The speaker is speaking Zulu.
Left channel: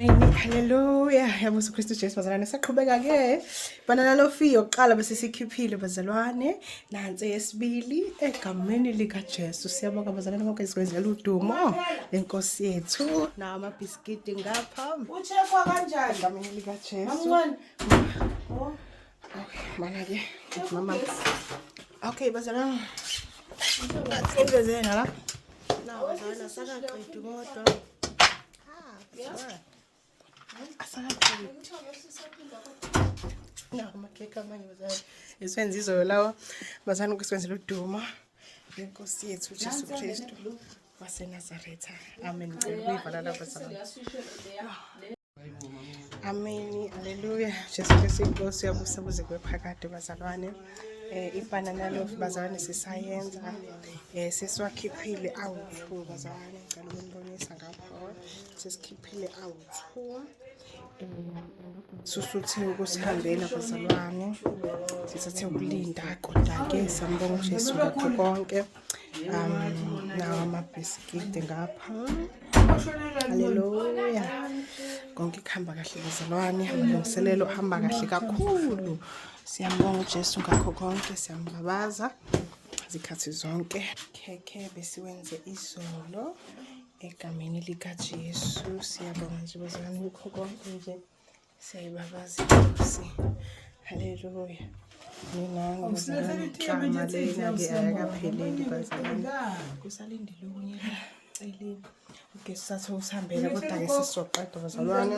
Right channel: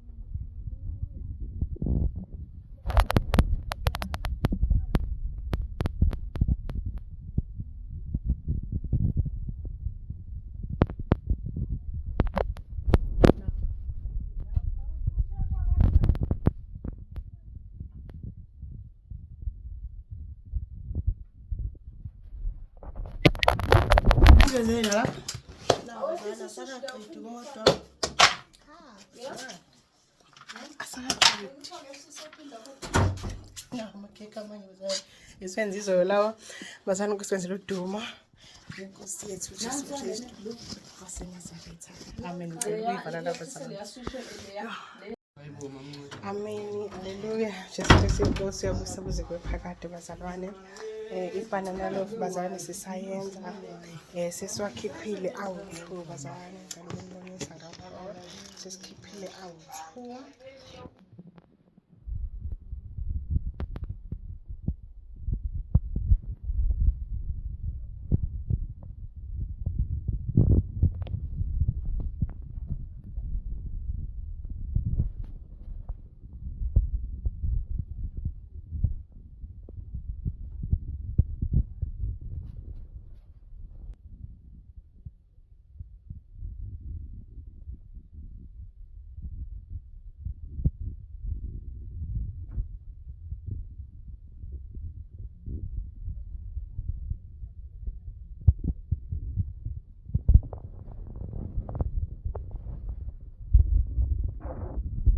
Amen, haleluya. Yabusa uKristu Jesu bazalwane. Saqhubeka ke. Banana lo fee yokuqala bese sikhiphile bazalwane. Nansi yesibili egameni lika Jesu. Siyabonga bazalwane bonke sikwezela udumo. Lenkosi yethu na amabhiskiti ngapha. Uchekwa kanjani? Egameni lika Jesu. Mana ke mama. Okay bazalwane. Asengezena la. Na bazalwane sakaqedwe kodwa. Amakeke amanye bazalwane esiwenza izoyo lawa bazalwane kusenzela udumo inkosi yethu Jesu Kristu waseNazaretha. Amen. Ngicela lapha bazalwane. Amen. Haleluya. Jesu Kristu inkosi yabusa kuze kube phakade bazalwane. Ibanana loaf bazalwane sisayenza sesiwakhiphile awu-2 bazalwane ngicela ukunibonisa ngapha sesikhiphile awu-2 susuthe ukusihambela bazalwane sisathe ukulinda kodwa-ke sambonga uJesu ngakho konke nawo amabhiskidi ngapha. Haleluya. Konke kuhamba kahle bazalwane, amalungiselelo ahamba kahle kakhulu. Siyambonga uJesu ngakho konke, siyambabaza zikhathi zonke. Khekhe besiwenze izolo egameni lika Jesu. Siyabonga nje bazalwane ngakho konke nje. Siyayibabaza inkosi. Haleluya. Mina ngizalwane igama lena-ke ayakapheleli bazalwane. Kusalindile omunye celile. Ugesi sathe usihambela kodwa-ke sesizoqeda bazalwane.